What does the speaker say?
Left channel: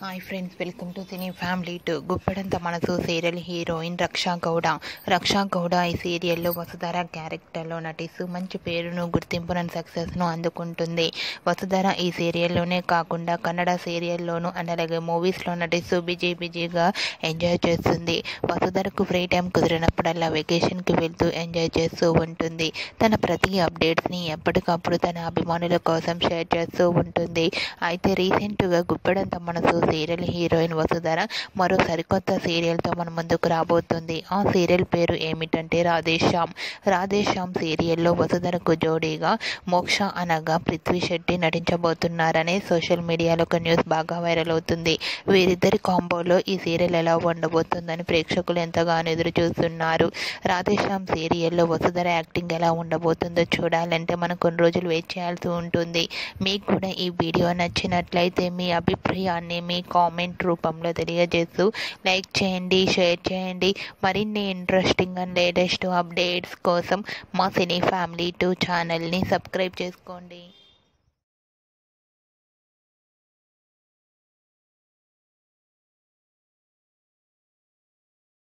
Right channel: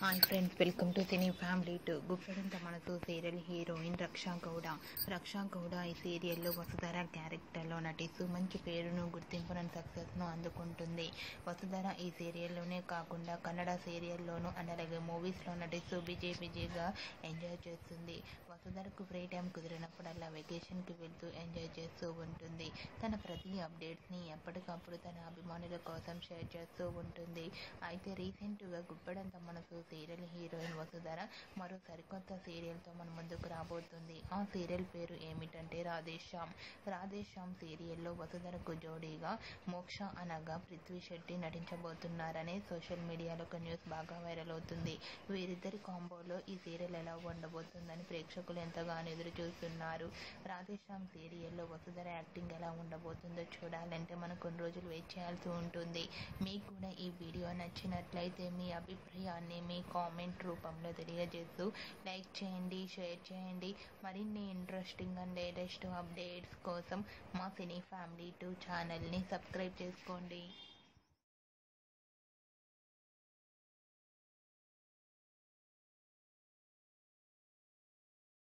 Hi friends, welcome to cine family to. Guppedantha మనసు serial heroine రక్షా గౌడ. రక్షా గౌడ ఈ సీరియల్లో వసుధర క్యారెక్టర్లో నటిస్తూ మంచి పేరును, గుర్తింపును, సక్సెస్ను అందుకుంటుంది. వసుధర ఈ సీరియల్లోనే కాకుండా కన్నడ సీరియల్లోనూ అండ్ అలాగే మూవీస్లో నటిస్తూ బిజీగా ఎంజాయ్ చేస్తుంది. వసుధరకు ఫ్రీ టైం కుదిరినప్పుడల్లా వెకేషన్కి వెళ్తూ ఎంజాయ్ చేస్తూ ఉంటుంది. తన ప్రతి అప్డేట్స్ని ఎప్పటికప్పుడు తన అభిమానుల కోసం షేర్ చేస్తూ ఉంటుంది. అయితే రీసెంట్గా గుప్పెడంత మనసు సీరియల్ హీరోయిన్ వసుధర మరో సరికొత్త సీరియల్తో మన ముందుకు రాబోతుంది. ఆ సీరియల్ పేరు ఏమిటంటే రాధేశ్యామ్ సీరియల్లో వసుధరకు జోడీగా మోక్ష అనగా పృథ్వీ శెట్టి నటించబోతున్నారనే సోషల్ మీడియాలో ఒక న్యూస్ బాగా వైరల్ అవుతుంది. వీరిద్దరి కాంబోలో ఈ సీరియల్ ఎలా ఉండబోతుందని ప్రేక్షకులు ఎంతగానో ఎదురు చూస్తున్నారు. రాధేశ్యామ్ సీరియల్లో వసుధర యాక్టింగ్ ఎలా ఉండబోతుందో చూడాలంటే మనం కొన్ని రోజులు వెయిట్ చేయాల్సి ఉంటుంది. మీకు కూడా ఈ వీడియో నచ్చినట్లయితే మీ అభిప్రాయాన్ని మీ కామెంట్ రూపంలో తెలియజేస్తూ లైక్ చేయండి, షేర్ చేయండి. మరిన్ని ఇంట్రెస్టింగ్ అండ్ లేటెస్ట్ అప్డేట్స్ కోసం మా సినీ ఫ్యామిలీ 2 ఛానల్ని సబ్స్క్రైబ్ చేసుకోండి.